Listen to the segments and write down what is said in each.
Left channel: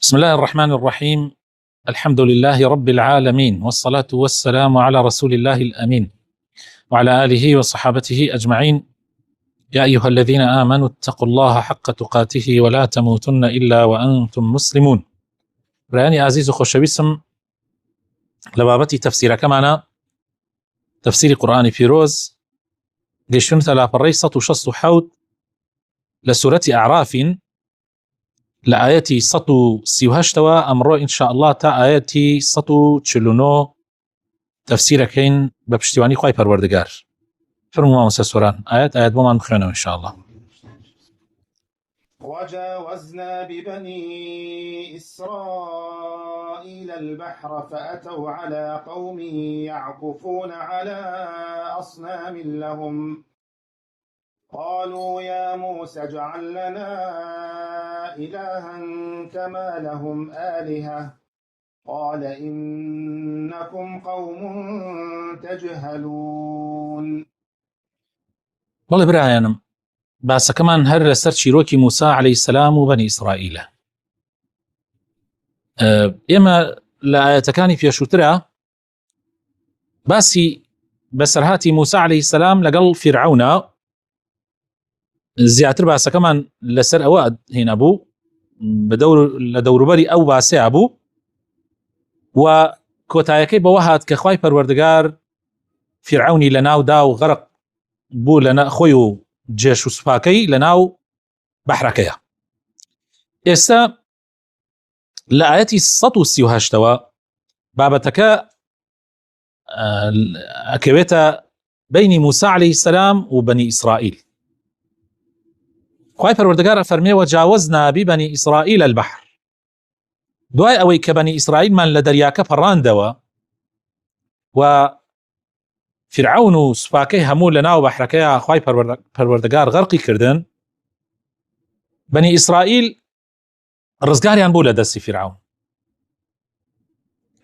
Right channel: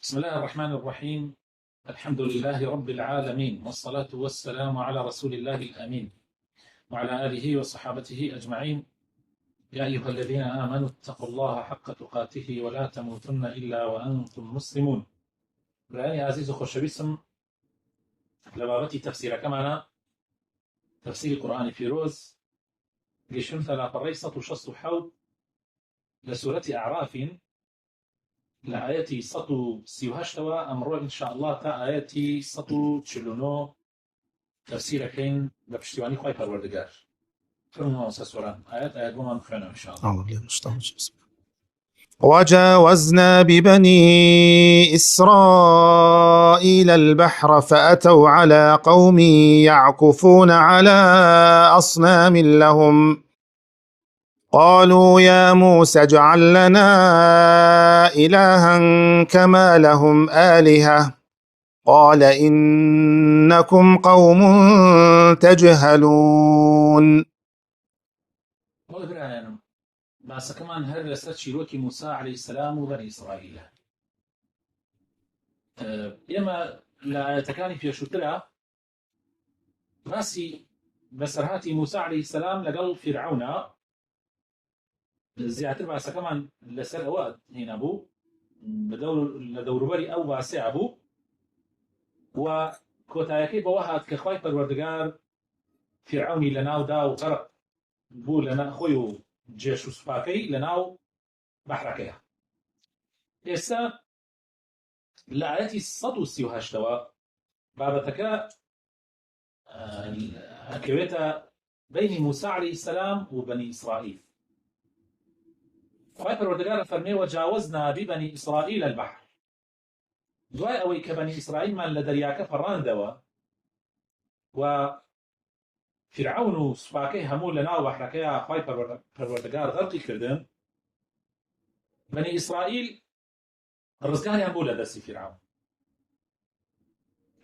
بسم الله الرحمن الرحيم. الحمد لله رب العالمين، والصلاة والسلام على رسول الله الأمين وعلى آله وصحابته أجمعين. يا أيها الذين آمنوا اتقوا الله حق تقاته ولا تموتن إلا وأنتم مسلمون. براني عزيز خوشويسم لبابتي تفسير كمانا تفسير قرآن فيروز قيشون ثلاث الرئيسة وشص حوت لسورة أعراف لآياتي سطو سيوهشتوا أمرو إن شاء الله تا آياتي سطو تشلونو تفسير كين بپشتیوانی خوای پروردگار. فرموا موسى سوران آيات بمان بخينا إن شاء الله. وجاوزنا ببني إسرائيل البحر فأتوا على قوم يعكفون على أصنام لهم قالوا يا موسى اجعل لنا إلها كما لهم آلهة قال إنكم قوم تجهلون. والله برايانم بس كمان هر لسر شيروكي موسى عليه السلام وبني إسرائيل. إما لآياتكاني في شوترا باسي بسرهاتي موسى عليه السلام لقل فرعون زياتر بس كمان لسر أواد هنا أبو لدور بري أو باسي أبو وكوتايكي بوهات كخواي پروردگار فرعوني لناو داو غرق بو لنا خويو جيش سپاكي لناو بحركيا. إسا لآياتي سطو سيوهاشتوا بابتك أكويتا بين موسى عليه السلام وبني إسرائيل. خواي پروردگار فرمي وجاوزنا ببني إسرائيل البحر دوای ئەوەی کە بەنی ئیسرائیل مان لە دەریاکە پەڕاندەوە و فرعون و سوپاکەی هەموو لە ناو بەحرەکەیە خوای پەروەردگار غەرقی کردن. بەنی ئیسرائیل ڕزگاریان بوو لە دەستی فرعون.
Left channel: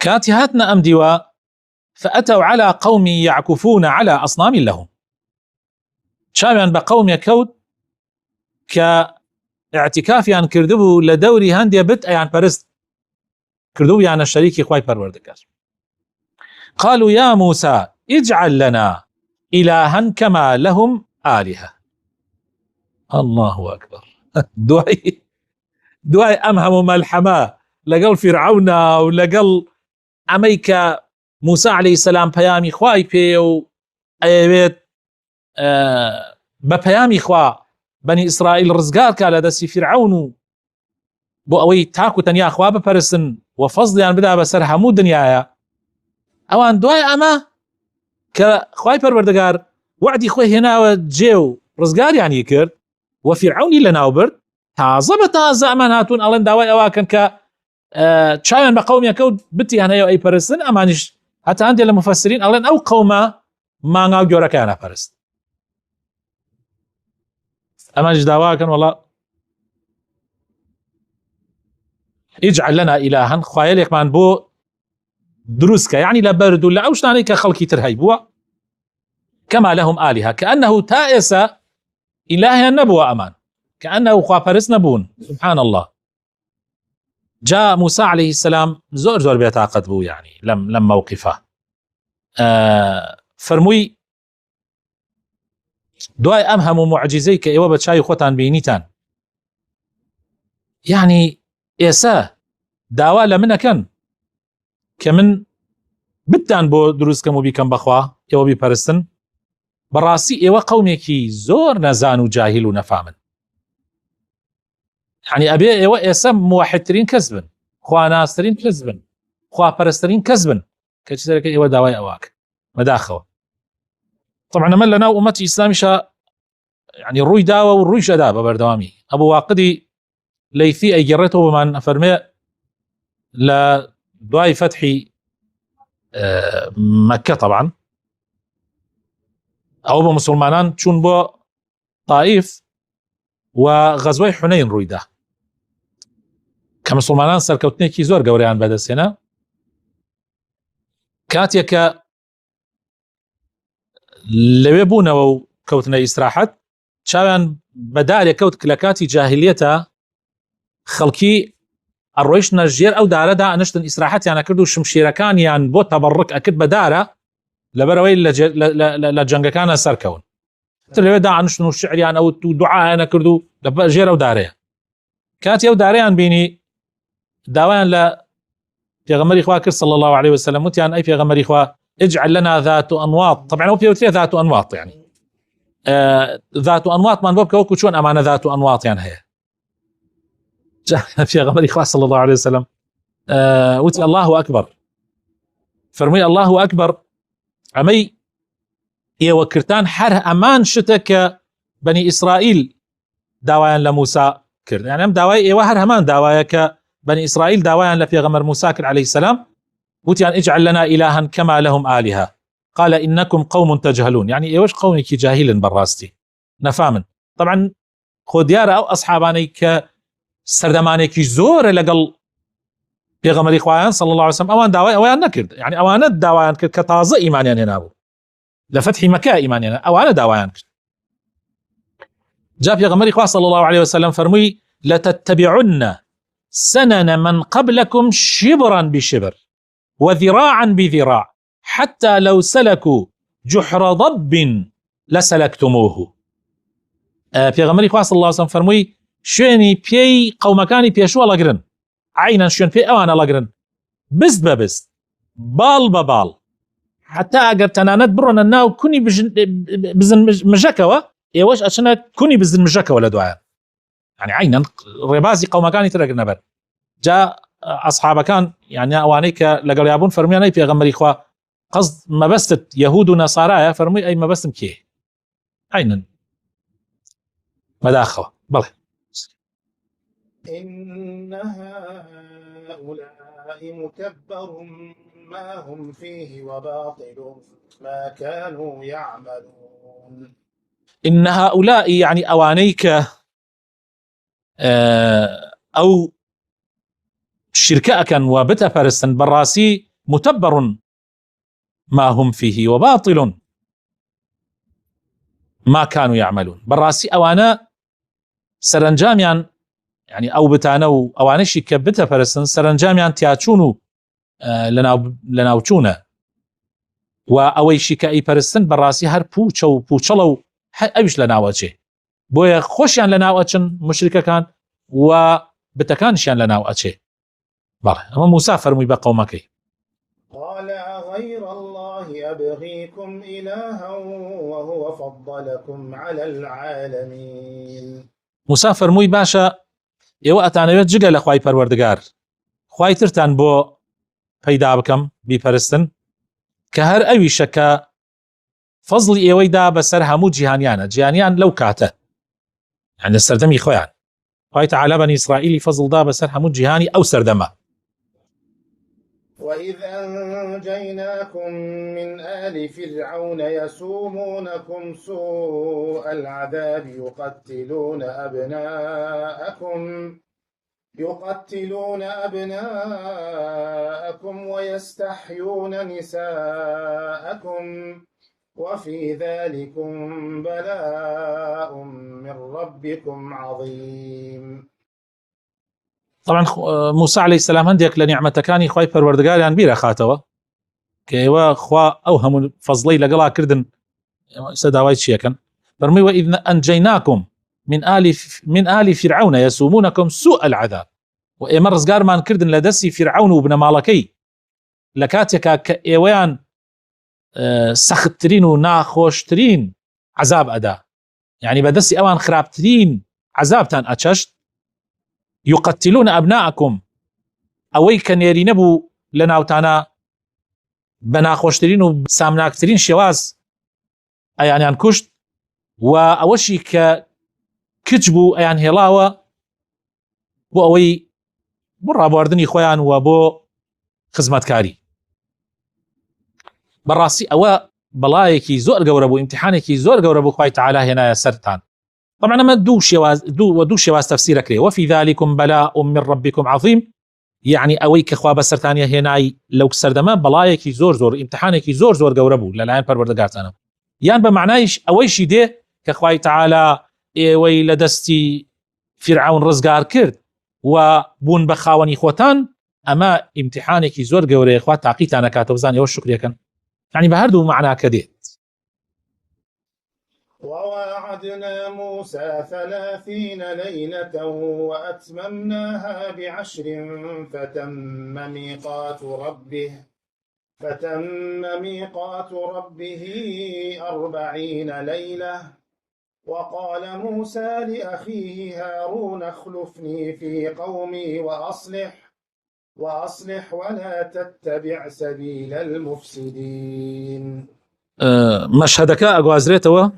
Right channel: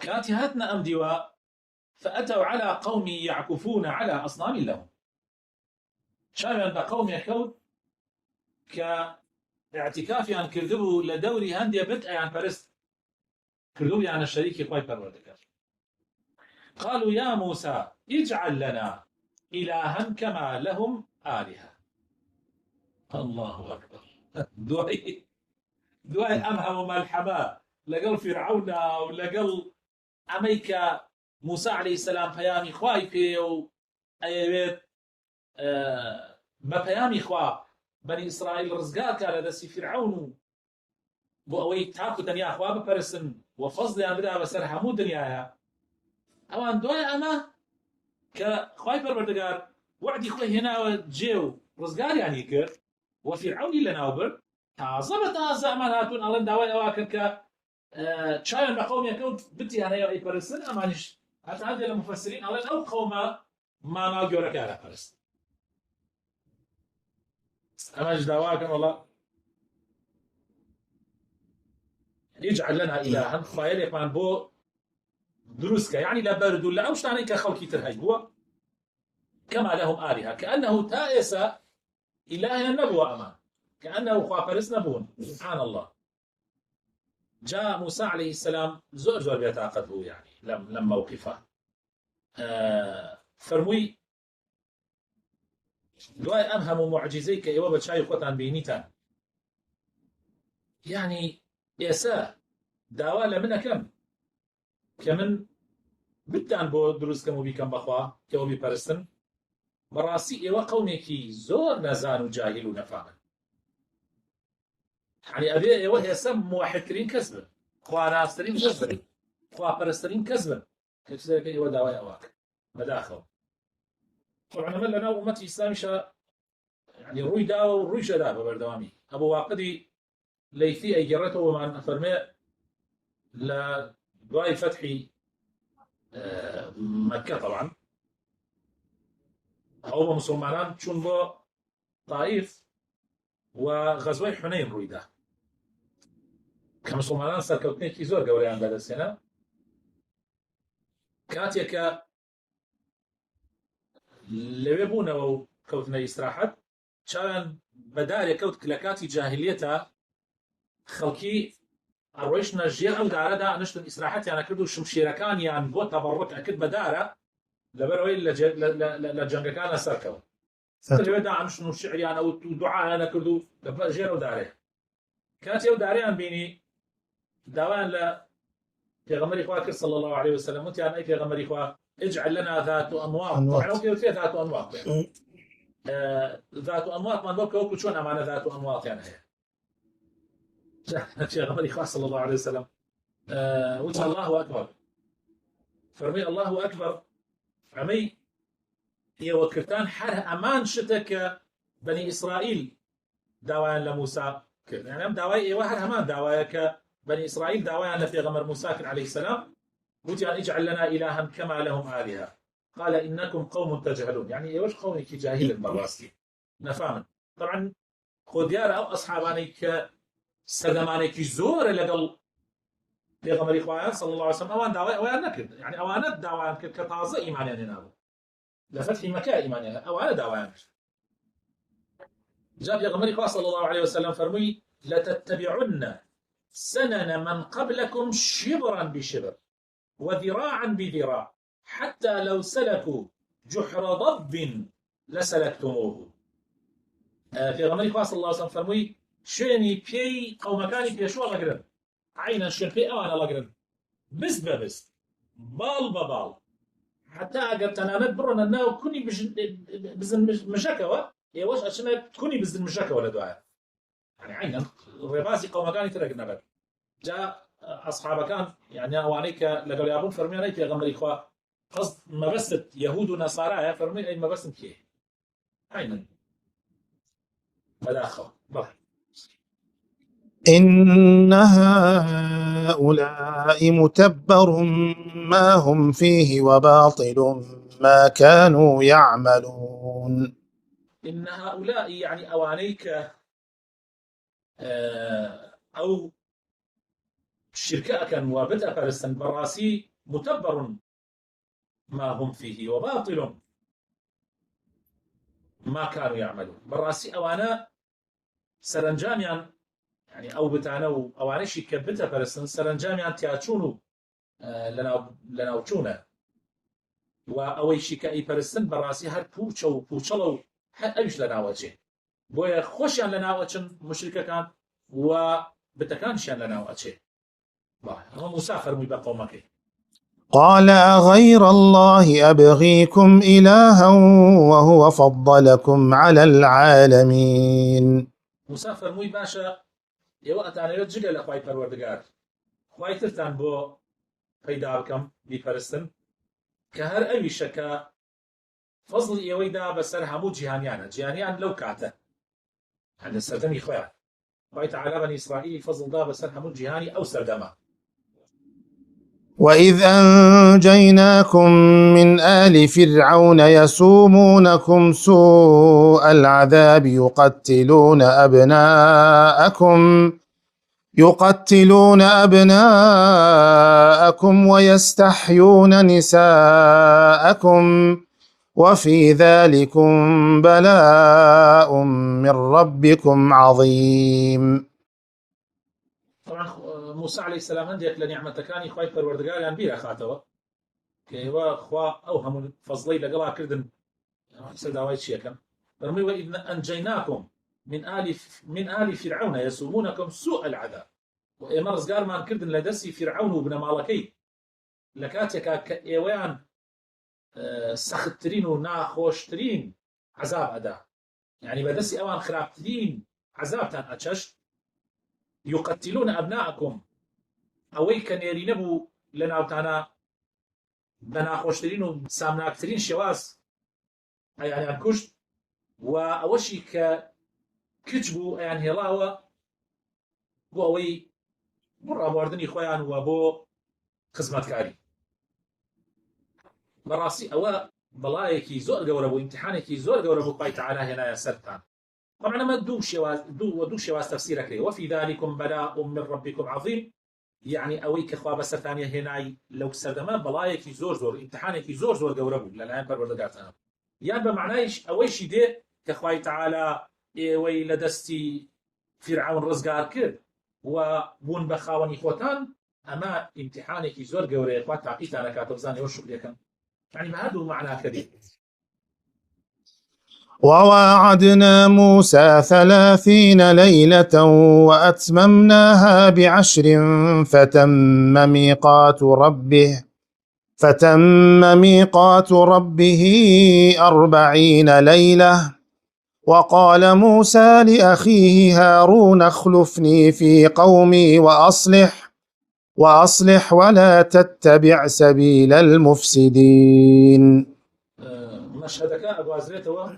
کاتی هاتنە ئەم دیوە فأتوا على قوم يعكفون على أصنام لهم چاویان بە قەومێک کەوت کە اعتكافیان کردبوو لە دەوری هەندێ بت ئەیان پەرست كردو يعني الشريك خواي پروردگار. قالوا يا موسى اجعل لنا إلها كما لهم آلهة. الله أكبر. دعي أمهم ملحمة لقل فرعون ولقل أميك موسى عليه السلام بيامي خواي بيو أيوات ببيامي خوا بني إسرائيل رزقار كالا دسي فرعون بو أوي تاكو تنيا خوا بپرسن وفضلیان بدا بسر همو دنیایا اوان دوای اما که خوای پروردگار وعدی خوی هناو جیو رزگاریان کرد و فرعونی لناو برد تازه بتازه امان هاتون الان دوای اواکن که چایان بقوم یکود بتی هنایو ای پرستن امانش حتی هندی لمفسرین الان او قوما مانگاو جورکانا پرست امانش دواکن والله اجعل لنا إلها خوايلك من بو دروسك يعني لبرد ولا أوش عليك خلقي ترهيبوا كما لهم آلهة كأنه تائس إله النبوة أمان كأنه خوافرس نبون. سبحان الله. جاء موسى عليه السلام زور بيتعقد بو يعني لم موقفه فرموي دواي أمهم معجزيك إيوة بتشاي خوتان بينيتان يعني إيسا داوا لمنا كان كمن بدان بو دروس كمو بيكم بخوا إيوة بيبرستن براسي إيوة قوميكي زور نزان وجاهل ونفامن يعني أبي إيوة إيسا موحدترين كذبن خوا ناسترين كذبن خوا برسترين كذبن كتشترك إيوة داواي أواك مداخوا. طبعا من لنا أمتي إسلامي شا يعني الروي داوا والروي شدا ببردوامي أبو واقدي ليثي أي جرته بمن أفرمي لا دعاء فتح مكة طبعا أو بمسلمانان تشون بو طائف وغزوي حنين رويدا كمسلمانان سركوتنيكي زور قوريان بعد السنة كاتيكا لويبونا وكوتنا إسراحت شاوان بدال كوت كلاكاتي جاهليتا خلقي ئەڕۆیشتە ژێر ئەو دارەدا ئەنشتن ئیسراحەتیانە کرد و شمشیرەکانیان بۆ تەبەڕک ئەکرد بە دارە لەبەرەوەی لە جەنگەکانە سەرکەون لەوێدا ئەنشتن و شعریان ئەوت و دوعایانە کرد و لە ژێر ئەو دارەیە کاتی ئەو دارەیان بینی داوایان لە پێغەمبەری خوا کرد صلی الله عليه وسلم وتیان ئەی پێغەمبەری خوا اجعل لنا ذات أنواط طبعا هو بيوتري ذات أنواط يعني ذات أنواط من باب كوكو شون أمانة ذات أنواط يعني هي في غمر إخوة صلى الله عليه وسلم وتي الله أكبر فرمي الله أكبر عمي وكرتان حر أمان شتك بني إسرائيل داويا لموسى كرد يعني أم داويا وهر همان داويا كبني إسرائيل داويا لفي غمر موسى كرد عليه السلام وتيان اجعل لنا إلها كما لهم آلهة قال إنكم قوم تجهلون يعني إيوش قومك جاهل براستي نفامن طبعا خوديار أو أصحاباني كسردمانيك زور لقل بيغمر إخوان صلى الله عليه وسلم أوان داوي أوان نكرد يعني أوانت داويان كرد كتازة إيمانيان هنابو لفتح مكة إيمانيان أوان داويان كرد جاء بيغمر إخوان صلى الله عليه وسلم فرمي لتتبعن سنن من قبلكم شبرا بشبر وذراعا بذراع حتى لو سلكوا جحر ضب لسلكتموه پیغمبری خوا صلی الله علیه وسلم فرمووی شوێنی پێی قەومەکانی پێشوە لەگرن عینەن شوێن پێی ئەوانە لەگرن بست بە بست باڵ بە باڵ حتا ئەگەر تەنانەت بڕۆنە ناو کونی بزن مژەکەوە ئێوەش ئەچنە کونی بزن مژەکەوە لە دوایە يعني عینەن ڕێبازی قەومەکانی ترەگرنە بەر جا أصحابكان يعني أوانيك لقال يابون فرميان أي پیغمبر إخوة قصد مبستت يهود ونصارى فرمي أي مبستم كيه عينا مداخوة بله إن هؤلاء متبر ما هم فيه وباطل ما كانوا يعملون إن هؤلاء يعني أوانيك أو شركاء كان وبتا فرستن براسي متبر ما هم فيه وباطل ما كانوا يعملون براسي أوانا سرنجاميان يعني أو بتانو أوانشي كبتا فرستن سرنجاميان تياتشونو لناوچونا وأويشي كأي فرستن براسي هر بوچلو أبش لناوچه بويا خوشيان لناوچن مشركة كان وبتكانشيان لناوچه هو موسى فرمي بقومك قال أغير الله أبغيكم إلها وهو فضلكم على العالمين موسى فرمي باشا ئێوە ئەتانەوێت جگە لە خوای پەروەردگار خوای ترتان بۆ پەیدا بکەم بیپەرستن کە هەر ئەویشە کە فەزڵی ئێوەیدا بەسەر هەموو جیهانیانە جیهانیان لەو کاتە یعنی سەردەمی خۆیان خوای تەعالی بەنی ئیسرائیلی فەزڵدا بەسەر هەموو جیهانی ئەو سەردەمە وإذ أنجيناكم من آل فرعون يسومونكم سوء العذاب يقتلون أبناءكم ويستحيون نساءكم وفي ذلكم بلاء من ربكم عظيم. طبعا موسى عليه السلام هندێک لە نیعمەتەکانی خوای پەروەردگاریان بیرە خاتەوە کە ئێوە خوا ئەو هەموو فەزڵەی لەگەڵا کردن سەداوای چیەکەن فەرمووی وإذ أنجيناكم من آل فرعون يسومونكم سوء العذاب و ئێمە ڕزگارمان کردن لە دەستی فرعون و بنەماڵەکەی لە کاتێکا کە ئێوەیان سەختترین و ناخۆشترین عذاب ئەدا يعني بەدەستی ئەوان خراپترین عذابتان ئەچەشت يقتلون أبناءكم أوي كان يرينبو لناوتانا بناخوشترين وسامناكترين شواز أيان ينكشت وأوشي كتجبو أيان هلاوة بو أوي برا بواردني خويان وبو خزمتكاري براسي أوا بلايكي زور قوربو امتحانيكي زور قوربو خواي تعالى هنا سرتان طبعا ما دو شواز تفسيرك ليه وفي ذلكم بلاء من ربكم عظيم يعني أويك أخوة بسرتانية هناي لو كسردما بلايكي زور امتحانيكي زور قوربو للاين پروردگارتانم يعني بمعنايش أويشي دي كأخوة تعالى إيوي لدستي فرعون رزقار كرد و بوون بە خاوەنی خۆتان ئەمە ئیمتیحانێکی زۆر گەورەیە خوا تاقیتان ئەکاتەوە بزانێ ئەوە شکرێکن يعني بە هەردوو معناکە دێت. وواعدنا موسى 30 ليلة وأتممناها ب10 فتم ميقات ربه 40 ليلة. وقال موسى لأخيه هارون اخلفني في قومي وأصلح ولا تتبع سبيل المفسدين. مشهدك أقوازريتوا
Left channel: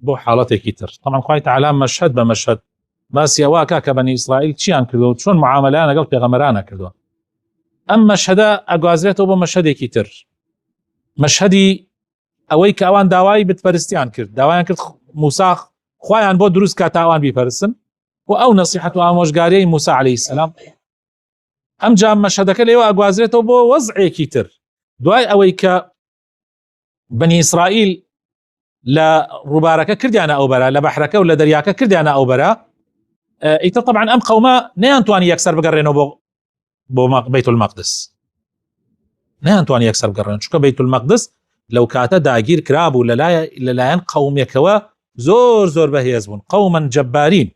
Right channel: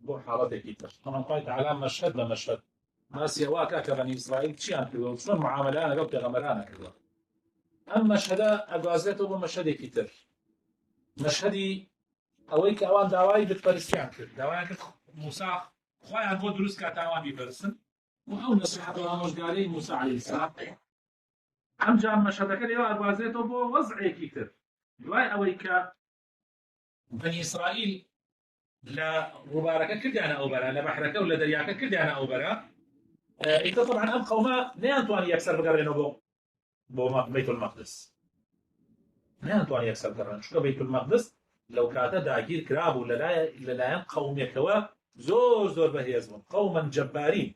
بو حالتێکی تر طبعا خوای تعالی مەشهد بە مەشهد باسی ئەوە کە بەنی ئیسرائیل چیان کردو و چۆن معاملەیان لەگەڵ پێغەمبەرانە کردووە. ئەم مەشهدە ئەگوازرێتەوە بۆ مەشهدێکی تر، مەشهدی ئەوەی کە ئەوان داوای بتپەرستیان کرد، داوایان کرد موسا خوایان بۆ دروست کە تاوان بیپەرستن و ئەو نەسیحەت و ئامۆژگاریەی موسا عەلەیهی السەلام. ئەم جا مەشهدەکە لێوە ئەگوازرێتەوە بۆ وەزعێکی تر، دوای ئەوەی کە بەنی ئیسرائیل لە ڕووبارەکە کردیانە ئەو بەرە، لە بەحرەکە و لە دەریاکە کردیانە ئەو بەرە، ئیتر طبعا ئەم قەومە نەیانتوانی یەکسەر بگەڕێنەوە بۆ بەیت المەقدس، نەیانتوانی یەکسەر بگەڕێن چونکە بەیت المەقدس لەو کاتە داگیر کرابوو لەلایەن قەومێکەوە زۆر بەهێز بوون، قەومەن جەبارین،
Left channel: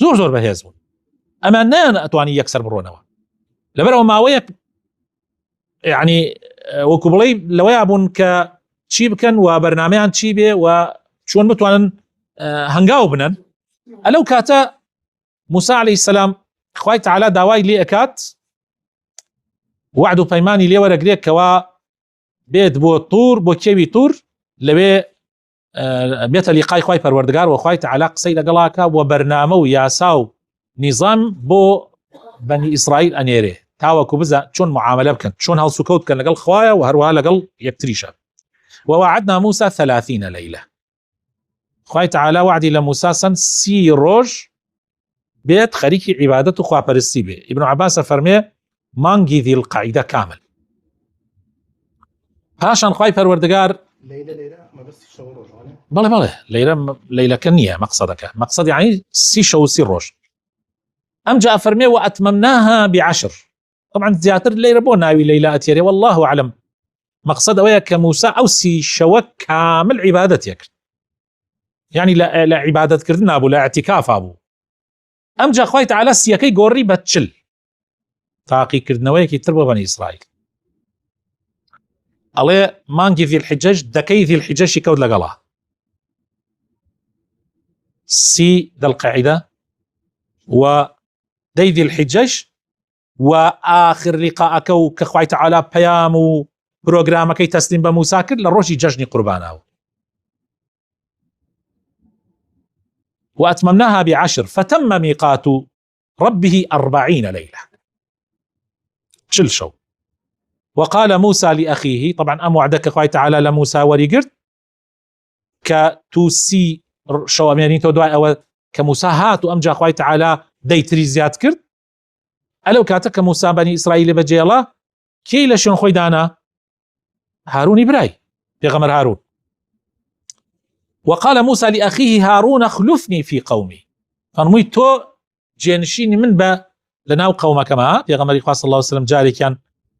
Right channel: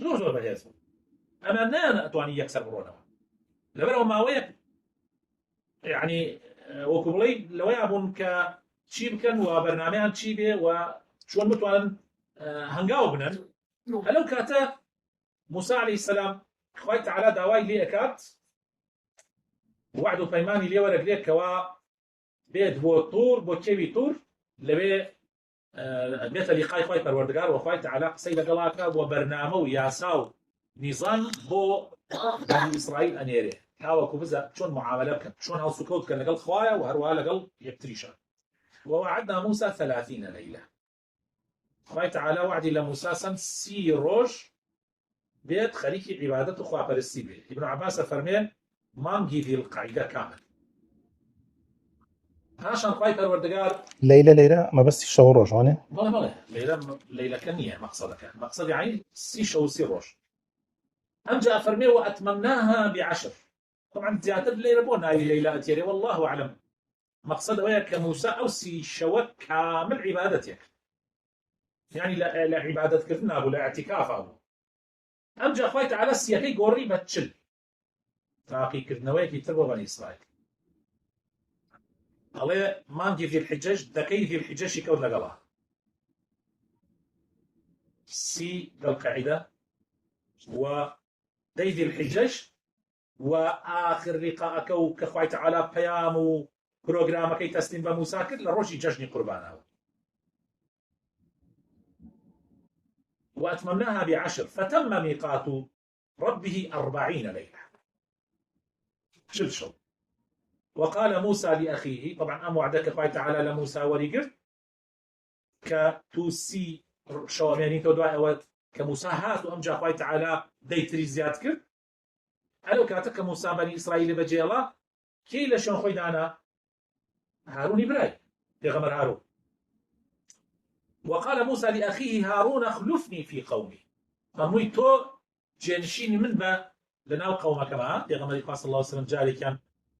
زۆر بەهێز بوون، ئەمان نەیانتوانی یەکسەر بڕۆنەوە لەبەرەوە ماوەیە یعنی وەکو بڵێ لەوەیە بوون کە چی بکەن و بەرنامەیان چی بێ و چۆن بتوانن هەنگاو بنن. ئەلەو کاتە موسا عەلەیهی السەلام خوای تعالی داوای لێ ئەکات، وعد و پەیمانی لێ وەرەگرێت کەوا بێت بۆ توور، بۆ کێوی توور، لەوێ بێتە لیقای خوای پەروەردگار و خوای تعالی قسەی لەگەڵاکە و بەرنامە و یاسا و نیزام بۆ بەنی ئیسرائیل ئەنێرێ تاوەکو بزە چۆن معاملە بکەن، چۆن هەڵسوکەوت بکەن لەگەڵ خوایە و هەروەها لەگەڵ یەکتریشە. ووعدنا موسى 30 ليلة، خوای تعالی وعدی لە موسا سن 30 ڕۆژ بێت خەریکی عیبادەت و خواپەرستی بێ. ابن عباس فەرمێ مانگی ذی القعیدە کامل. پاشان خوای پەروەردگار ليلة ما بس شەو ڕۆژ وانێ؟ بەڵێ لەیلەکە نییە مەقسەدەکە، مەقسەد یعنی 30 شەو و 30 ڕۆژ. ئەم جا فەرمێ وأتممناها ب10، طبعا زیاتر لەیلە بۆ ناوی لەیلە ئەتێرێ والله أعلم. مقصد ئەوەیە کە موسا ئەو 30 شەوە کامل عیبادەت یەکرد، یعنی لە عیبادەتکردن نابوو، لە اعتیکافا بوو. ئەم جا خوای تعالی 30ەکەی گۆڕی بە 40 تاقیکردنەوەیەکی تر بۆ بەنی ئیسرائیل. ئەڵێ مانگی ذی الحجەج دەکەی ذی الحجەشی کەوت لەگەڵا 30 دەڵقەعیدە و دەی ذی الحجەج و ئاخر لیقاءەکە و کە خوای تعالی پەیام و پرۆگرامەکەی تەسلیم بە موسا کرد لە ڕۆژی جەژنی قورباناوە. وأتممناها ب10 فتم ميقات ربه 40 ليلة، 40 شەو. وقال موسى لأخيه، طبعا أم وعدك خوای تعالی لە موسا وەریگرت کە تو 30 شەو ئەمێنین تۆ دوای ئەوە کە موسا هات و ئەمجا خوای تعالی دەیتری زیاد کرد. ئەلەو کاتە کە موسا بەنی ئیسرائیل بەجێڵا کێی لە شوێن خۆی دانا؟ هارونی برای پێغەمبەر هارون. وقال موسى لأخيه هارون اخلفني في قومي، فەرمووی تۆ جێنشینی من بە لەناو قەومەکەمە. پێغەمبەری خوا صلی الله عليه وسلم جارێکیان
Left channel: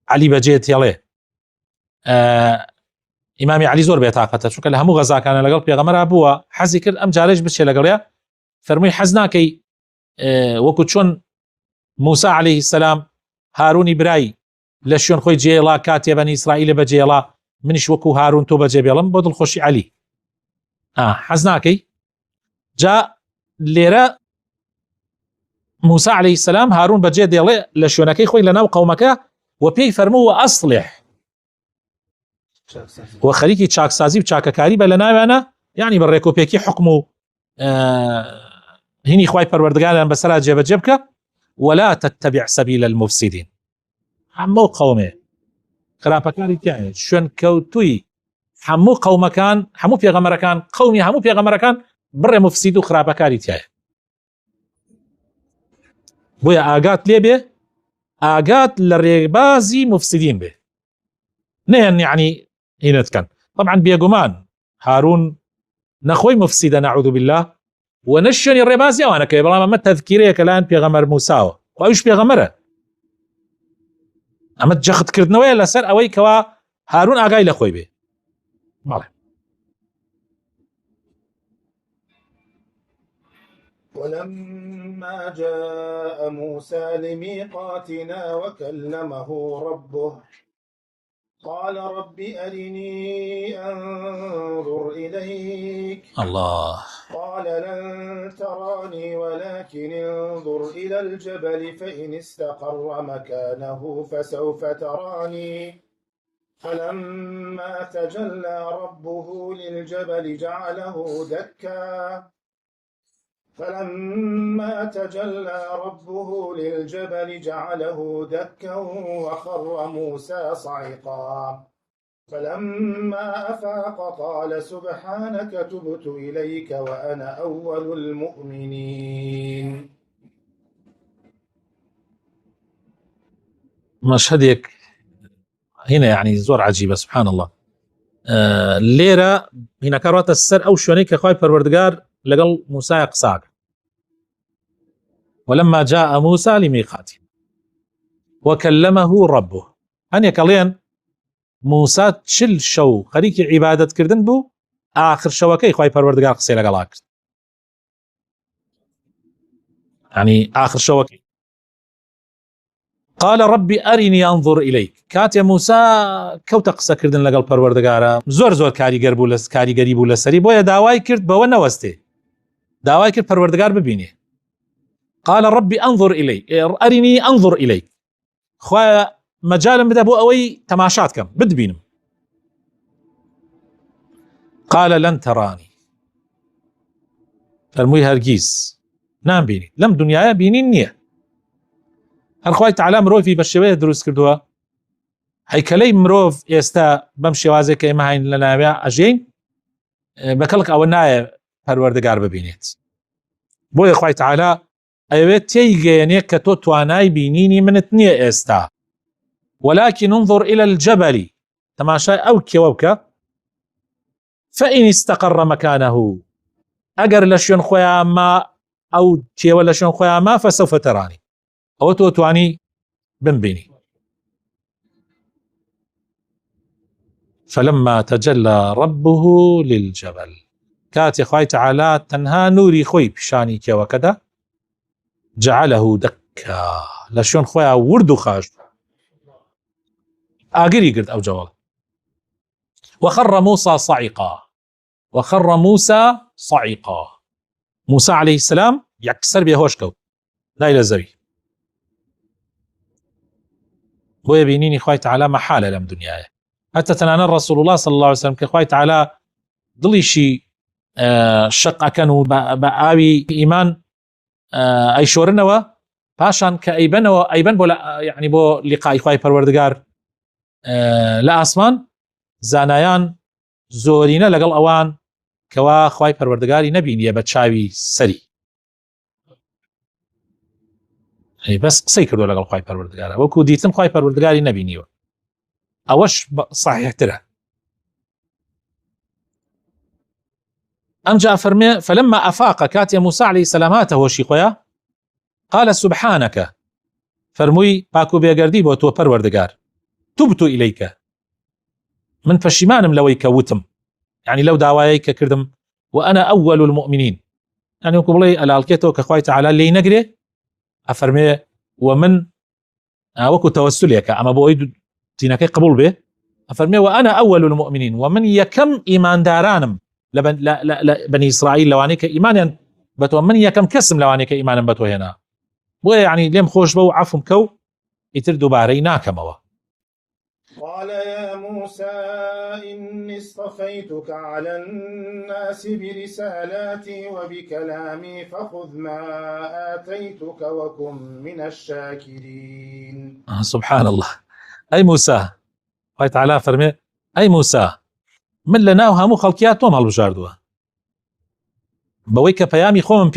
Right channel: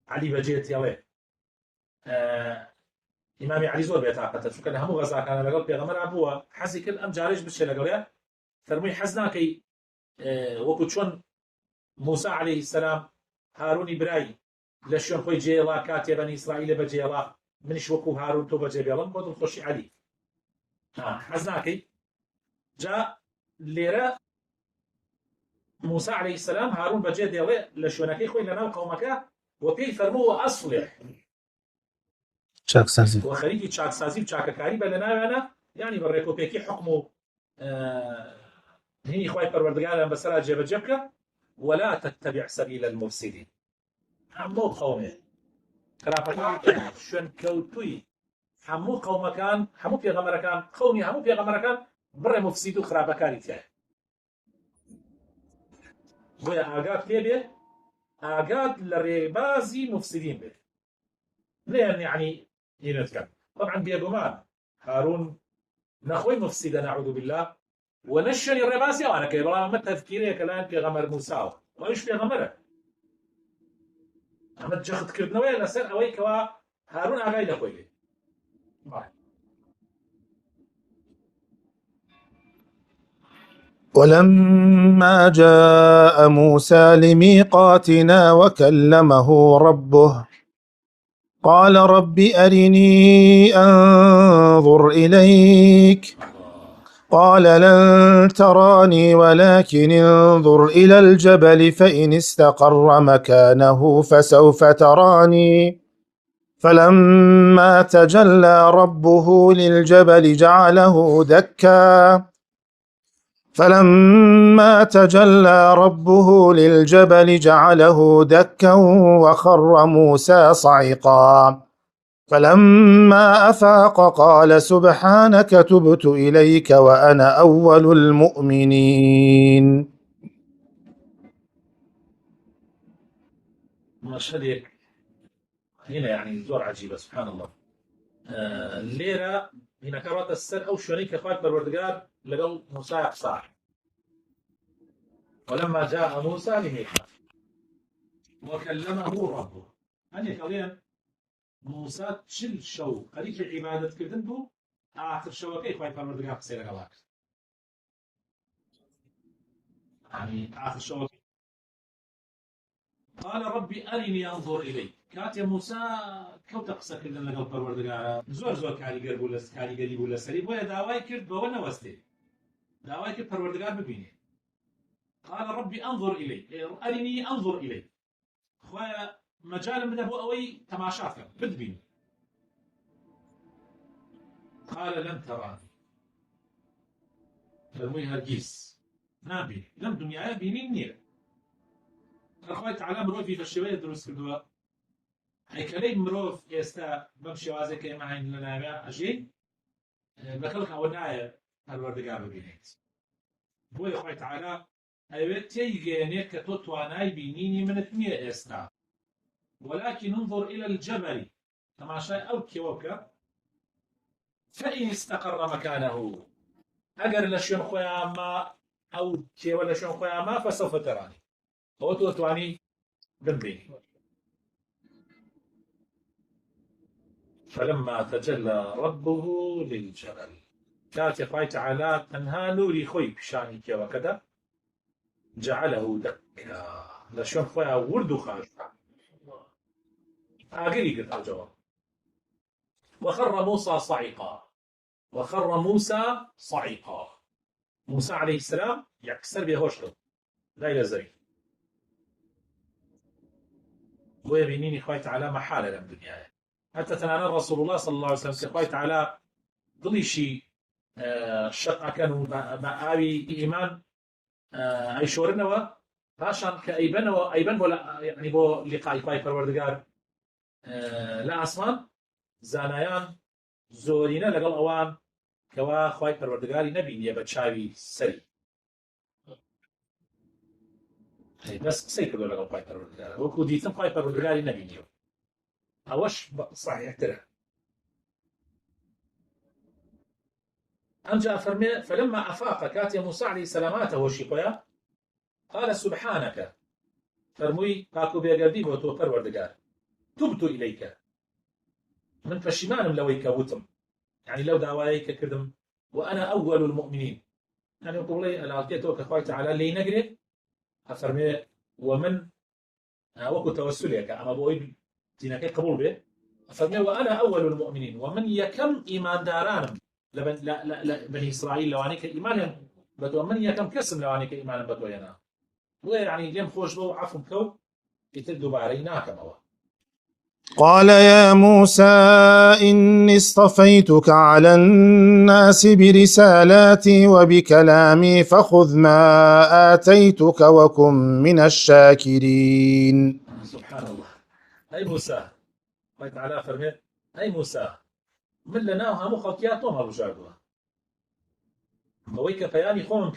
علی بەجێ تێڵێ، ئیمامی علی زۆر بێتاقەتە چونکە لە هەموو غەزاکانە لەگەڵ پێغەمبەرا بووە، حەزی کرد ئەم جارێش بچێ لەگەڵێ. فەرمووی حەز ناکەی وەکو چۆن موسا عەلەیهی السەلام هارونی برای لە شوێن خۆی جێڵا کاتێ بەنی ئیسرائیل بەجێڵا، منیش وەکو هارون تۆ بەجێ بێڵم بۆ دڵخۆشی علی. حەز ناکەی؟ جا لێرە موسا عەلەیهی السەلام هارون بەجێ دێڵێ لە شوێنەکەی خۆی لەناو قەومەکە و پێی فەرمووە ئەصلح، و خەریکی چاکسازی و چاکەکاری بە لە ناویانە، یعنی بە ڕێکۆپێکی حکم و هینی خوای پەروەردگاریان بەسەرا جێبەجێ بکە. ولا تتبع سبيل المفسدين، هەموو قەومێ خراپەکانی تیانێ شوێن کەوتووی هەموو قەومەکان، هەموو پێغەمبەرەکان، قەومی هەموو پێغەمبەرەکان بڕێ مفسید و خراپەکاری تایە. بۆیە ئاگات لێ بێ، ئاگات لە ڕێبازی مفسدین بێ، نەیان یعنی هینت کەن. طبعا بێگومان هارون نەخۆی مفسیدە نەعوذ بالله، و نشونی ڕێبازی ئەوانەکەی بەڵام ئەمە تەذکیرەیەکە لایەن پێغەمبەر موساوە و ئەویش پێغەمبەرە ئەمە جەختکردنەوەیە لەسەر ئەوەی کەوا هارون ئاگای لە خۆی بێ. بەڵێ ولما جاء موسى لميقاتنا وكلمه ربه قال رب أرني أنظر إليك الله قال لن تراني ولكن انظر إلى الجبل فإن استقر مكانه فسوف تراني فلما تجلى ربه للجبل جعله دكا وخر موسى صعقا فلما أفاق قال سبحانك تبت إليك وأنا أول المؤمنين. مشهدك هنا يعني زور عجيبة سبحان الله. ليرة هنا كرات السر أو شونيك خواي پروردگار لقل موسى قصار ولما جاء موسى لميقاتنا وكلمه ربه هن يكلين موسى تشل شو خريك عبادة كردن بو آخر شوكي خواي پروردگار قصي لقلا کرد يعني آخر شوكي قال ربي أرني أنظر إليك كات يا موسى كوتا قصة كردن لقل پروردگارا زور كاريگر بولس كاريگري بولسري بويا داواي كرد بو نوستي داواي كرد پروردگار ببيني قال ربي أنظر إليك أرني أنظر إليك خوايا مجال بدا بو أوي تماشات كم بد بينم قال لن تراني فرموي هرگيز نام بيني لم دنيايا بيني نية هر خواهي تعالى مروفي بشوية دروس كردوا هيكلي مروف يستا بمشي وازي كيما هين لنابيا أجين بكلك أولنايا پروردگار ببينيت بو يا خواهي تعالى أيوات تيجيني كتو تواناي بينيني من اتنية استا ولكن انظر إلى الجبل تماشى أو كيوبك فإن استقر مكانه أجر لشون خويا ما أو تيو لشون خويا ما فسوف تراني أو تواني بنبيني. فلما تجلى ربه للجبل كات خوي تعالى تنها نوري خوي بشاني كيوكدا جعله دكا لشون خويا وردو خاش آقري قرد أو جوال وخر موسى صعقا موسى عليه السلام يكسر بيهوشكو لا إلى الزري بو يبينيني خوي تعالى محالة لم دنياي حتى تنانا رسول الله صلى الله عليه وسلم كخوي تعالى ضلي شي شق كانوا بآوي إيمان أي شورنوا باشان كأيبنوا أيبن بولا يعني بو لقاء خوي پروردگار لا أسمان زانایان زۆرینە لەگەڵ ئەوان کەوا خوای پەروەردگاری نەبینیە بە چاوی سەری بەس قسەی کردو لەگەڵ خوای پەروەردگارە وەکو دیتم خوای پەروەردگاری نەبینیوە ئەوەش صحیحترە. ئەمجا فەرمێ فلما أفاق كاتي موسى عليه السلام هاتەوەشی خۆیە قال سبحانك فەرمووی پاک و بێگەردی بۆ تۆ پەروەردگار تبت إليك من فشيمانم لوي كوتم يعني لو داواي كردم وأنا أول المؤمنين يعني وكبلي الالكيتو كخواي تعالى لي نقري أفرمي ومن وكو توسليك أما بويد تيناكي قبول به أفرمي وأنا أول المؤمنين ومن يكم إيمان دارانم بني إسرائيل لوانيك إيمانا بتو من يكم كسم لوانيك إيمانا بتو هنا ويعني لم خوش بو عفم كو يتردو باريناكموا. قال يا موسى إني اصطفيتك على الناس برسالاتي وبكلامي فخذ ما آتيتك وكن من الشاكرين. سبحان الله. أي موسى الله تعالى فرمي أي موسى من لنا وهمو خلقياتهم هالبجاردوا بويك بيامي خوم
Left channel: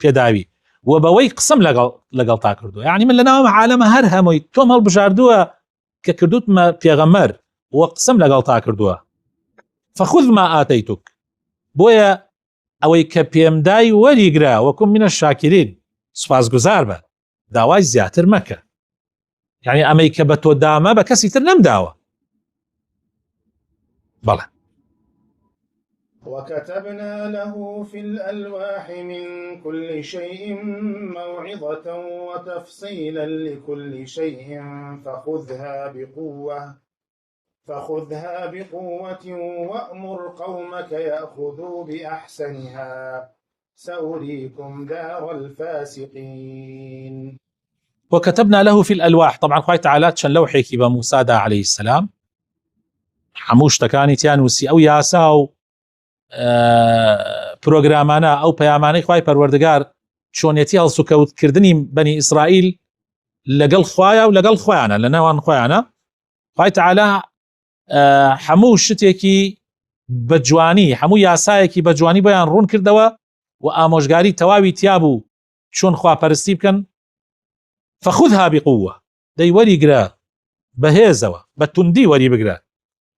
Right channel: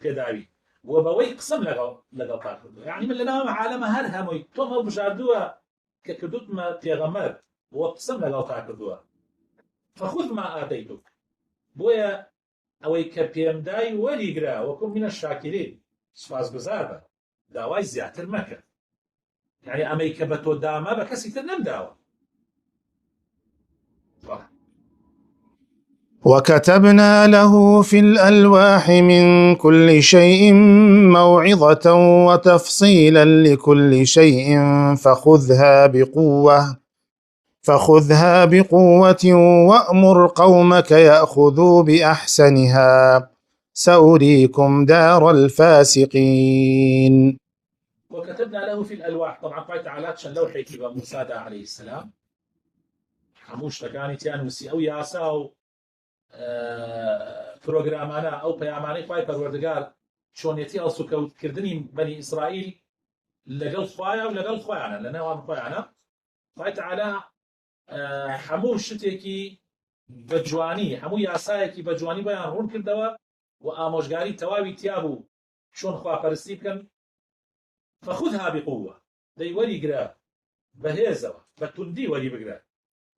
بيداوي وبوي قسم لقل تاكردوا يعني من لنا عالم هرهموي توم هالبجاردوا ككردوت ما بيغمر وقسم لقل تاكردوا فخذ ما آتيتك بويا ئەوەی کە پێمدای وەریگرا وەکو منە شاکرین سوپاسگوزار بە داوای زیاتر مەکە یعنی ئەمەی کە بە تۆ دامە بە کەسی تر نەمداوە بەڵێ وكتبنا له في الألواح من كل شيء موعظة وتفصيلا لكل شيء فخذها بقوة وأمر قومك يأخذوا بأحسنها سأريكم دار الفاسقين. وكتبنا له في الألواح طبعا خوي تعالى چەند لەوحێکی بە موسادا عليه السلام هەموو شتەکانی تیان وسی ئەو یاسا و پرۆگرامانە ئەو پەیامانەی خوای پەروەردگار چۆنێتی هەڵسوکەوتکردنی بەنی ئیسرائیل لەگەڵ خوایە و لەگەڵ خۆیانە لە نێوان خۆیانە خوای تعالى هەموو شتێکی بە جوانی هەموو یاسایەکی بە جوانی بۆیان ڕوون کردەوە و ئامۆژگاری تەواوی تیابوو چۆن خواپەرستی بکەن فخذها بقوة دەی وەریگرە بەهێزەوە بە توندی وەری بگرە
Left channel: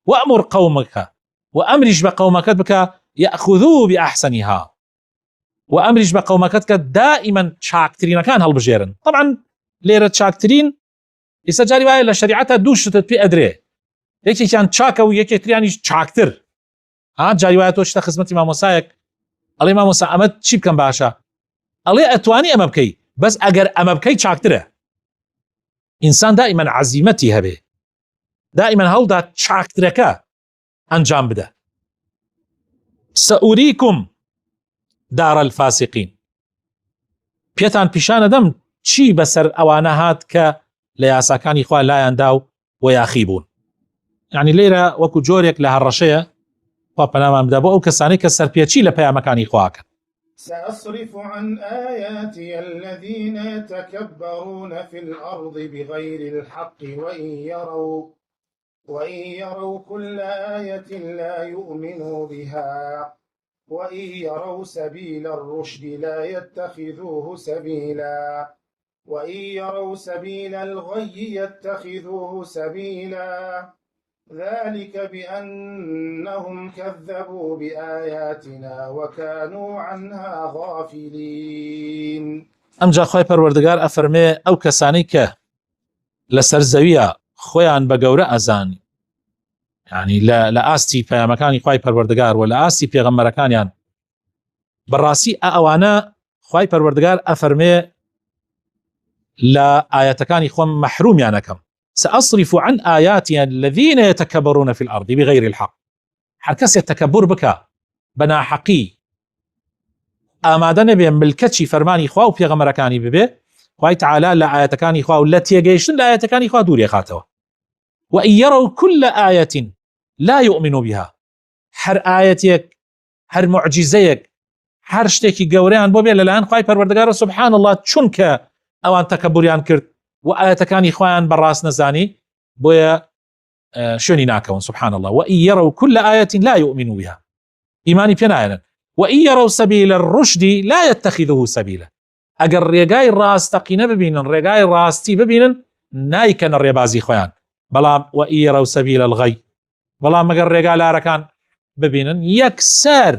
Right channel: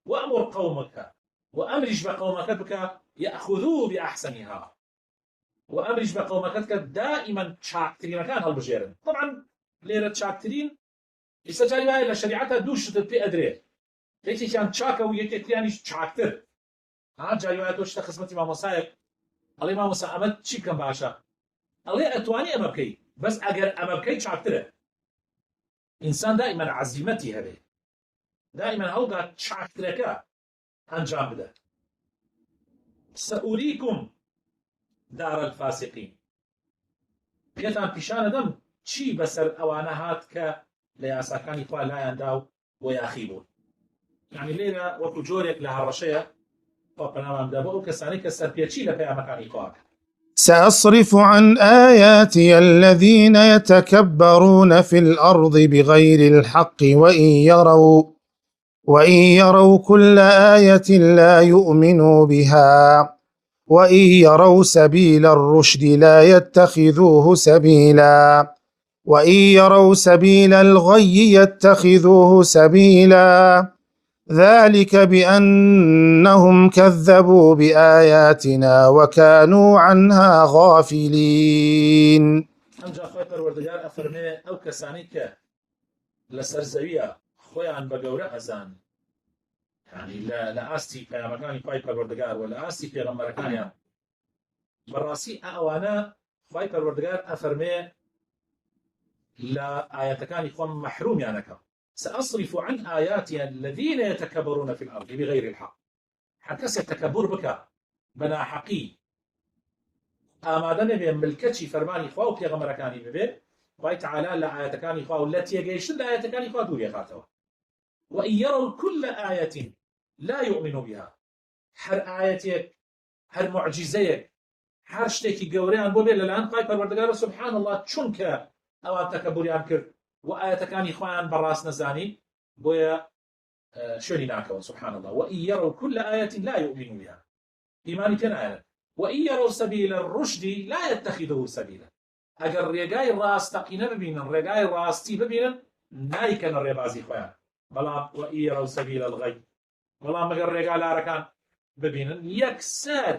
وأمر قومك وأمرش بقومكت بك يأخذوا بأحسنها وأمرش بقومكت دائما شاكترين كان هالبجيرن طبعا ليرة شاكترين يسجاري وآية لشريعتها دوشتت في أدري يكي كان شاكا ويكي ترياني شاكتر جاري وآية توشتا خزمتي ما موسايك الله ما موسى أمد چی بكن باشا الله أتواني أما بكي بس أجر أما بكي شاكتره إنسان دائما عزيمتي هبه دائما هەوڵدا چاکترەکە ئەنجام بدە سأريكم دار الفاسقين پێتان پیشانە دەم چی بەسەر ئەوانە هات کە لە یاساکانی خوا لایەندا و یاخی بوون یعنی لێرە وەکو جۆرێک لە هەڕەشەیە خوا پەنامان بدە بۆ ئەو کەسانەی کە سەرپێچی لە پەیامەکانی خواکەن سأصرف عن آياتي الذين يتكبرون في الأرض بغير الحق وإن يروا كل آية لا يؤمنوا بها وإن يروا سبيل الرشد لا يتخذوه سبيلا وإن يروا سبيل الغي يتخذوه سبيلا ذلك بأنهم كذبوا بآياتنا وكانوا عنها غافلين. ئەمجا خوای پەروەردگار ئەفەرمێ ئەو کەسانی کە لەسەر زەویە خۆیان بە گەورە ئەزان یعنی لە ئاستی پەیامەکانی خوای پەروەردگار و لە ئاستی پێغەمبەرەکانیان بەڕاستی ئەوانە خوای پەروەردگار ئەفەرمێ لە ئاەتەکانی خۆم مەحرومیان ئەکەم سأصرف عن آياتي الذين يتكبرون في الأرض بغير الحق هر کەس تەکەبور بکە بە ناحەقی ئامادە نەبێ ملکەتی فەرمانی خوا و پێغەمبەرەکانی ببێ خوای تعالی لە ئاەتەکانی خوا و لە تێگەیشتن لە ئاەتەکانی خوا دووری خاتەوە وإن يروا كل آية لا يؤمنوا بها هر آيەتێک هر معجزەیەک هر شتێکی گەورەیان بۆ بێ لەلایەن خوای پەروەردگار سبحان الله چونکە ئەوان تەکەبوریان کرد و ئاەتەکانی خۆیان بەڕاست نەزانی بۆیە شوێنی ناکەون سبحان الله وإن يروا كل آية لا يؤمنوا بها ئیمانی پێ نایەنن وإن يروا سبيل الرشد لا يتخذوه سبيلا ئەگەر ڕێگای ڕاستەقینە ببینن ڕێگای ڕاستی ببینن نایکەنە ڕێبازی خۆیان بەڵام وإن يروا سبيل الغي بەڵام ئەگەر ڕێگا لارەکان ببینن یەکسەر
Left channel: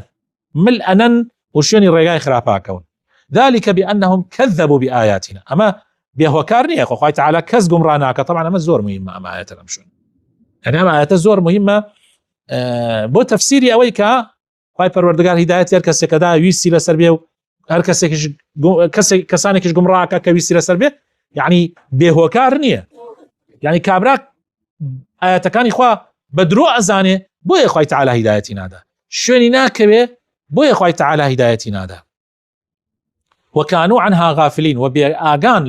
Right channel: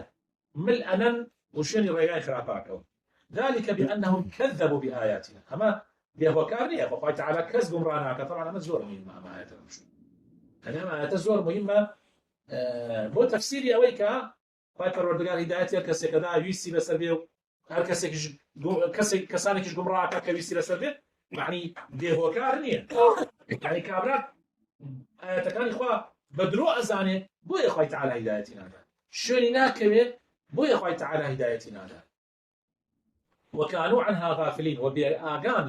ملئەنن و شوێنی ڕێگای خراپاکەون ذلك بأنهم كذبوا بآياتنا أما بيهوكار نية خوای تعالى کەس گومڕا ناکە طبعا ئەمە زۆر مهمە ئەمە ئاەتە لەم شوێن يعني ئەمە ئاەتە زۆر مهمە بۆ تەفسیری ئەوەی کە خوای پەروەردگار هیدایەتی هەر کەسێکەدا ویستی لەسەر بێ و هەر کەسانێکیش گومڕاکە کە ویستی لەسەر بێ يعني بێهۆکار نییە يعني کابرا ئاەتەکانی خوا بە درۆ ئەزانێ بۆیە خوای تعالی هیدایەتی نادا شوێنی ناکەوێ بۆیە خوای تعالی هیدایەتی نادا وكانوا عنها غافلين وبآغان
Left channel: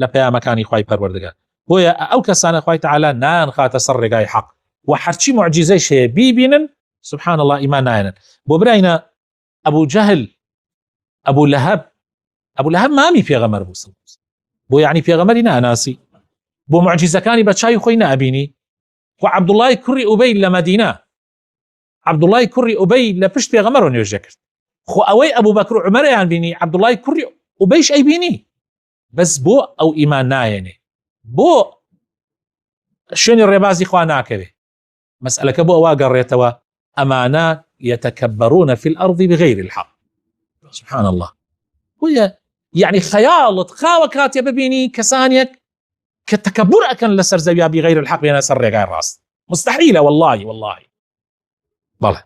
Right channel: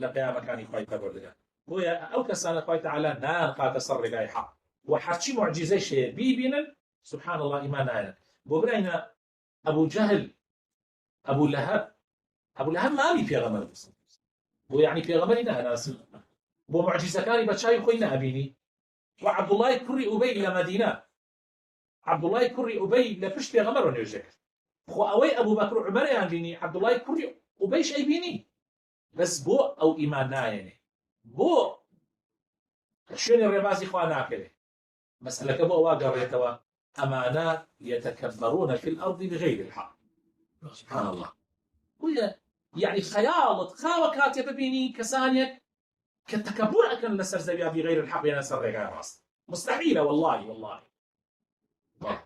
لا پەیامەکانی خوای پەروەردگار بۆیە ئەو کەسانە خوای تعالی نان خاتە سەر ڕێگای حەق و هەرچی معجزەیش هەیە بیبینن سبحان الله ئیمان نایەنن بۆ برایە ئەبوو جەهل ئەبوو لەهەب مامی پێغەمبەر بوو بۆ یعنی پێغەمبەری ناناسی بۆ معجزەکانی بە چاوی خۆی نابینی و عەبدوڵای کوڕی ئوبەی لە مەدینە عەبدوڵای کوڕی ئوبەی لە پشت پێغەمبەرەوە نوێژە کرد خۆ ئەوەی ئەبوو بەکر و عومەرەیان بینی عەبدوڵای کوڕی ئوبەیش ئەیبینی بەس بۆ ئەو ئیمان نایەنێ بۆ شوێنی ڕێبازی خوا ناکەوێ مەسئلەکە بۆ ئەوە گەڕێتەوە ئەمانە يتكبرون في الأرض بغير الحق سبحان الله. وهي يعني خيالت خاوة كاتب ببيني كسانيك كتكبر أكن لسر زويا بغير الحق بين سر غير راس مستحيلة والله بلى.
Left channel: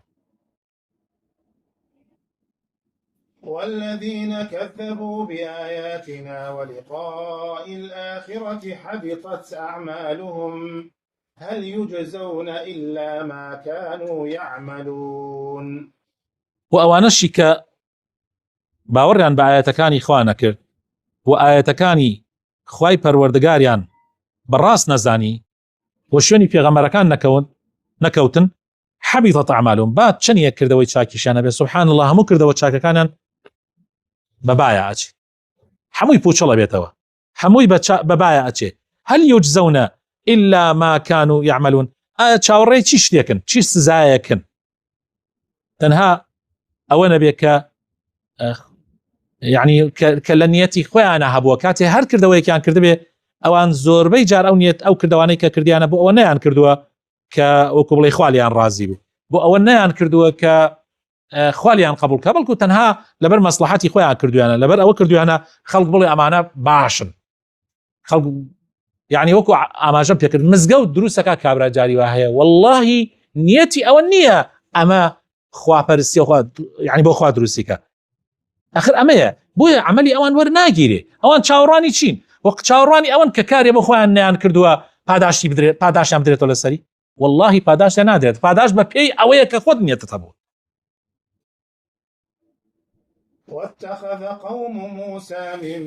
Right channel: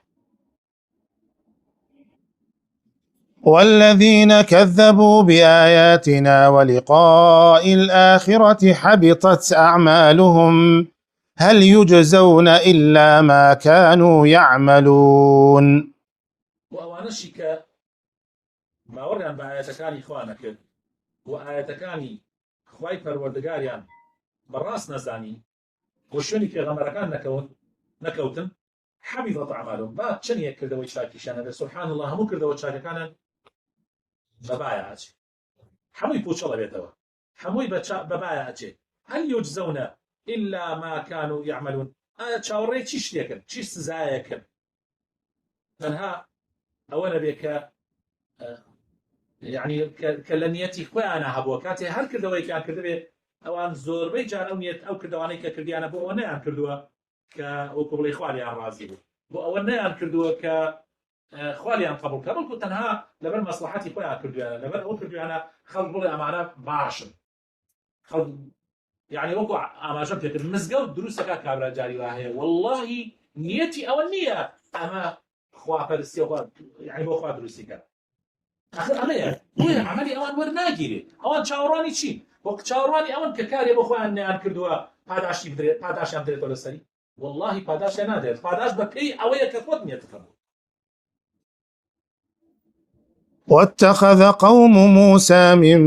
والذين كذبوا بآياتنا ولقاء الآخرة حبطت أعمالهم هل يجزون إلا ما كانوا يعملون. وأوانشك باوریان بە ئاەتەکانی خوا نەکرد و ئاەتەکانی خوای پەروەردگاریان بەڕاست نەزانی و شوێنی پێغەمبەرەکان نەکەوتن حەبیطەت ئەعمالهم با چەند کردەوەی چاکیشیان هەبێت سوبحان الله هەموو کردەوە چاکەکانیان بەبایە ئەچێ هەمووی پوچەڵە بێتەوە هەمووی بەبایە ئەچێ هەل یوجزەونە إلا ما كانوا يعملون. چاوەڕێی چی شتێکن چی سزایەکن تەنها ئەوە نەبێت کە يعني کە لە نیەتی خۆیانە هەبووە کاتێ هەر کردەوەیەکیان کردبێ ئەوان زۆربەی جار ئەو نیەت ئەو کردوانەی کە کردیانە بۆ ئەوە نەیان کردووە کە وەکو بڵێ خوالیان ڕازی بوو بۆ ئەوە نەیان کردووە کە خوالیان قبول کە بەڵکو تەنها لەبەر مەسلحەتی خۆیان کردویانە لەبەر ئەوە کردویانە خەڵک بڵێ ئەمانە باشن خەڵک يعني وەکو ئاماژەم پێکرد مزگەوت دروستەکە کابرا جاری وا هەیە واللهی نیەتی ئەوە نییە ئەمە خواپەرستی يعني بۆ خوا دروستیکە آخر ئەمەیە بۆیە عملی ئەوان وەرناگیرێ ئەوان چاوەڕانی چین وەک چاوەڕانی ئەوان کە کارێ بۆ خۆیان نیان کردووە پاداشتی بدرێت پاداشیان بدرێتەوە لەسەری واللهی پاداشیان نادرێت پاداش بە پێی ئەوەیە کە خۆت نیەتت هەبوو. واتخذ قوم موسى من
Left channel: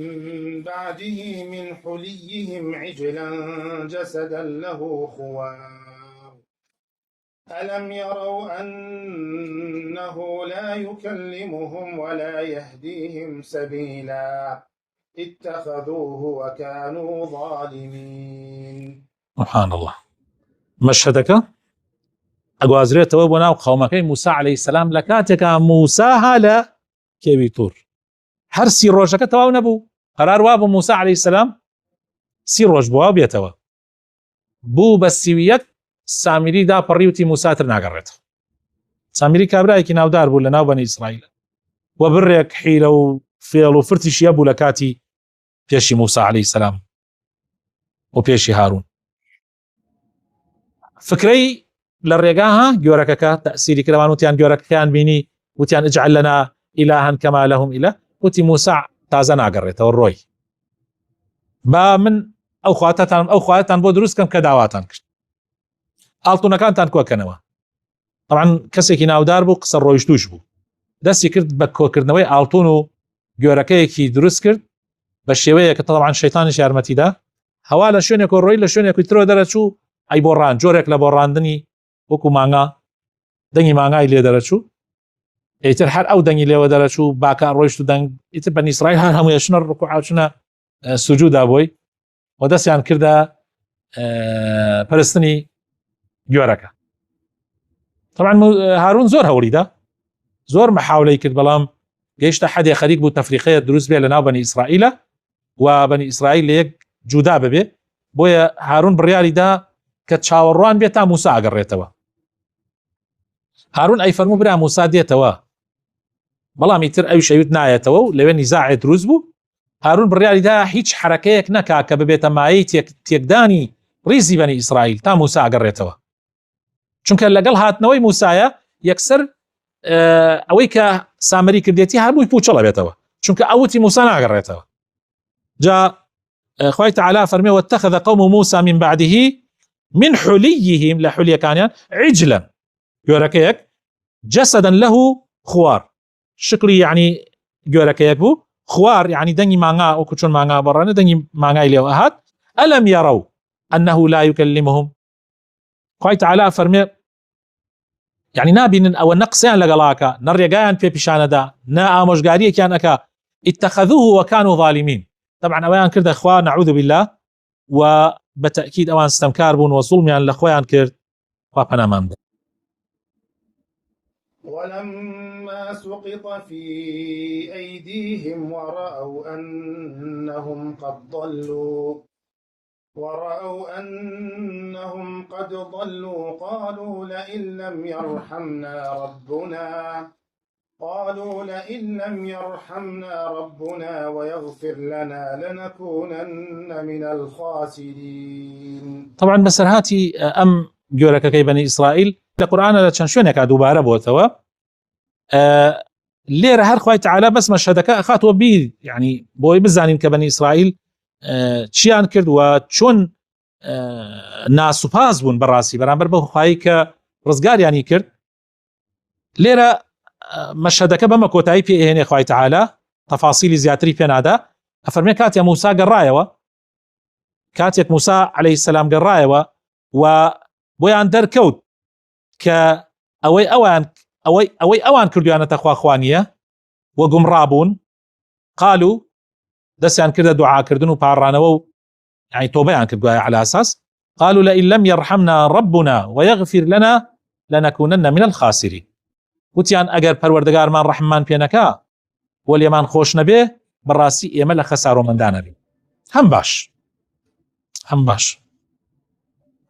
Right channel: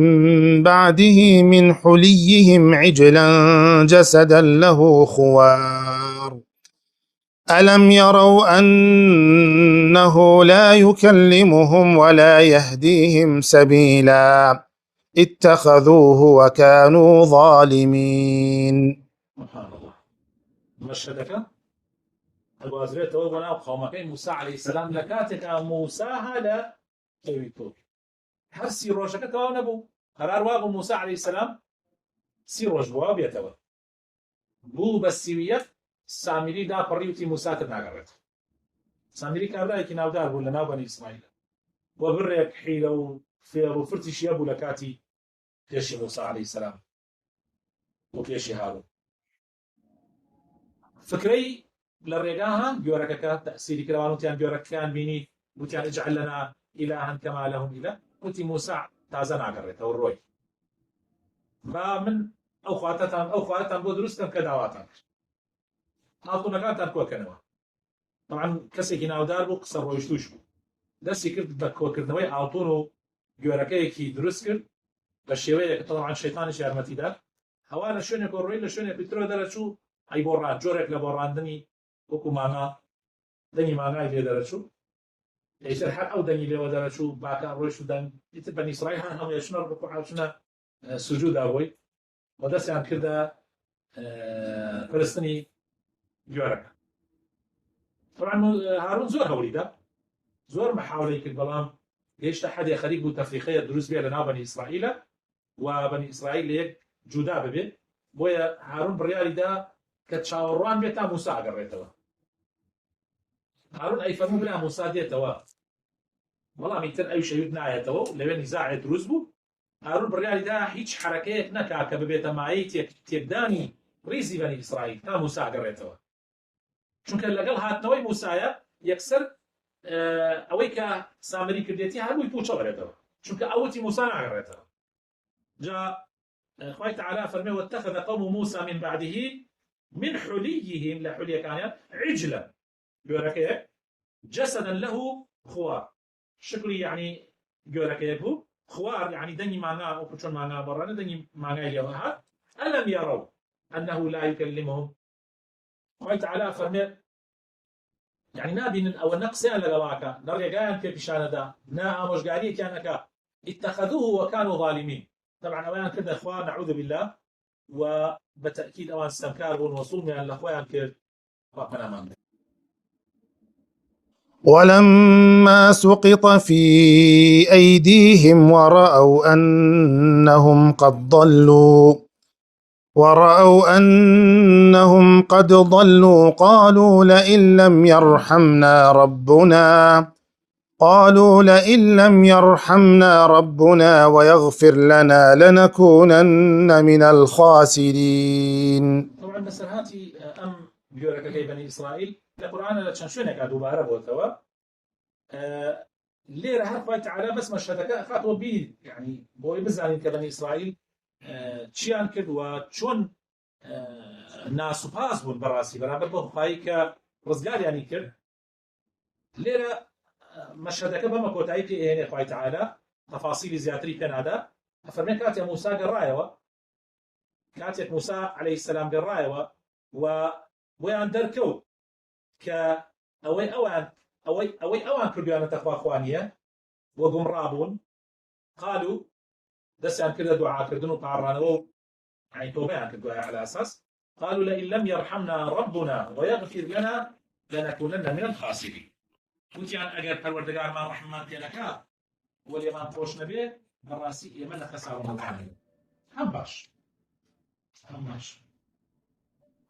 بعده من حليهم عجلا جسدا له خوار ألم يروا أنه لا يكلمهم ولا يهديهم سبيلا اتخذوه وكانوا ظالمين. سبحان الله. مشهدك ئەگوازرێتەوە بۆ ناو قەومەکەی موسى عليه السلام لە کاتێکە موسى هالە کێوی توور هەر 30 ڕۆژەکە تەواو نەبوو قەرار وا بوو موسى عليه السلام 30 ڕۆژ بووە بێتەوە بوو بە 31 سامری دا پەڕی وتی موساتر ناگەڕێت. سامری کابرایەکی ناودار بوو لە ناو بەنی ئیسرائیل و بڕێک حیلە و فێڵ و فرتیشیە بوو لە کاتی پێشی موسى عليه السلام و پێشی هارون. فکرەی لە ڕێگاها گۆرەکەکە تەسیری کردوان وتیان گۆرەکەیان بینی وتیان اجعل لنا إلها كما لهم إله وتی موسى تازە ناگەڕێتەوە ڕۆی با من ئەو خواتان بۆ دروست کەم کە داواتان کرد ئاڵتونەکانتان کۆکەنەوە. طبعا کەسێکی ناودار بوو قسە ڕۆیشتوش بوو دەستی کرد بە کۆکردنەوەی ئاڵتون و گۆرەکەیەکی دروست کرد بە شێوەیە کە طبعا شەیتانیش یارمەتیدا هەوا لە شوێنێک و ڕۆی لە شوێنێکی ترەوە دەرەچوو ئەی بۆ ڕان جۆرێک لە بۆ ڕاندنی وەکو مانگا دەنگی مانگای لێ دەرەچوو ئیتر هەر ئەو دەنگی لێوە دەرەچوو باکە ڕۆیشت و دەنگ ئیتر بەنی ئیسرائیل هەر هەموویە شنە ڕکوع چونە سوجودا بۆی و دەستیان کردە پەرستنی گۆرەکە. طبعا هارون زۆر هەوڵیدا زۆر محاولەی کرد بەڵام گەیشتە حەدێ خەریک بوو تەفریقەیە دروست بێ لە ناو بەنی ئیسرائیلە و بەنی ئیسرائیل لە یەک جودا ببێ بۆیە هارون بڕیاریدا کە چاوەڕوان بێت تا موسى ئەگەڕێتەوە. هارون ئەی فەرموو برا موسى دێتەوە بەڵام ئیتر ئەو شەویت نایەتەوە و لەوێ نیزاعێ دروست بوو. هارون بڕیاریدا هیچ حرەکەیەک نەکا کە ببێتە مایەی تێکدانی ڕیزی بەنی ئیسرائیل تا موسى ئەگەڕێتەوە چونکە لەگەڵ هاتنەوەی موسایە یەکسەر ئەوەی کە سامری کردێتی هەمووی پوچەڵە بێتەوە چونکە ئەوتی موسى ناگەڕێتەوە. جا خوای تعالی فەرمێ واتخذ قوم موسى من بعده من حليهم لە حولیەکانیان عجلا گۆرەکەیەک جسدا له خوار شکلی يعني گۆرەکەیەک بوو خوار يعني دەنگی مانگا وەکو چۆن مانگا بەڕانە دەنگی مانگای لێوە هات. ئەلەم يروا أنه لا يكلمهم خوای تعالی فەرمێ يعني نابینن ئەوە نەقسەیان لەگەڵاکە نەڕێگایان پێ پیشانەدا نە ئامۆژگاریەکیان ئەکا اتخذوه وكانوا ظالمين. طبعا ئەوەیان کردە خوا نعوذ بالله و بتأكيد ئەوان ستەمکار بوون و زوڵمیان لە خۆیان کرد خوا پەنامان بدە. ولما سقط في أيديهم ورأوا أنهم قد ضلوا قالوا لئن لم يرحمنا ربنا قالوا لئن لم يرحمنا ربنا ويغفر لنا لنكونن من الخاسرين. طبعا بەسەرهاتی ئەم گۆرەکەکەی بەنی ئیسرائیل لە قورئانە لە چەند شوێنێکا دووبارە بۆتەوە. لێرە هەر خوای تەعالا بەس مەشهەدەکە ئەخاتەوە بیر، یعنی بۆی بزانین کە بەنی ئیسرائیل چیان کرد و چۆن ناسوپاس بوون بەڕاستی بەرامبەر بە خوایی کە ڕزگاریانی کرد. لێرە مەشهەدەکە بەمە کۆتایی پێهێنێ خوای تەعالا، تەفاسیلی زیاتری پێنادا. ئەفەرمێ کاتێک موسا گەڕایەوە، کاتێک موسا عەلەیهی سەلام گەڕایەوە و بۆیان دەرکەوت کە ئەوەی ئەوان کردویانەتە خواخوانیە و گومڕابوون، قالوا دەستیان کردە دوعاکردن و پاڕانەوە و یعنی تۆبەیان کردوایە على ئاساس قالوا لئن لم يرحمنا ربنا ويغفر لنا لنكونن من الخاسرين. وتیان ئەگەر پەروەردگارمان ڕەحممان پێ نەکا و لێمان خۆش نەبێ بەڕاستی ئێمە لە خەسارۆمەندان نەبین. هەم باش.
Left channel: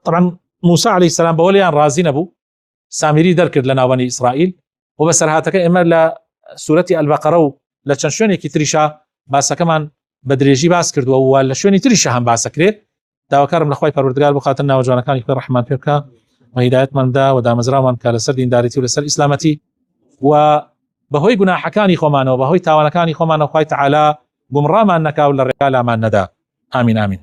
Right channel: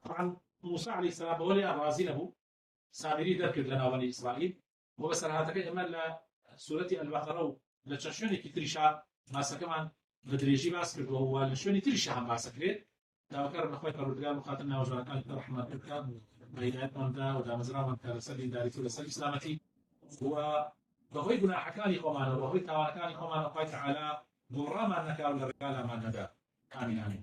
طبعا موسى عليه السلام بەوەلیان ڕازی نەبوو، سامری دەرکرد لە ناوبەنی ئیسرائیل و بەسەرهاتەکە ئێمە لە سوورەتی ئەلبەقەرە و لە چەند شوێنێکی تریشا باسەکەمان بە درێژی باس کردووە و لە شوێنی تریشە هەم باسەکرێت. داواکارم لە خوای پەروەردگار بخاتن ناوجوانەکانی خۆی ڕەحمان پێ بکە و هیدایەتماندا و دامەزراومان کە لەسەر دینداریتی و لەسەر ئیسلامەتی و بەهۆی گوناحەکانی خۆمانەوە بەهۆی تاوانەکانی خۆمانەوە خوای تەعالا گومڕامان نەکا و لە ڕێگا لامان نەدا. ئامین ئامین.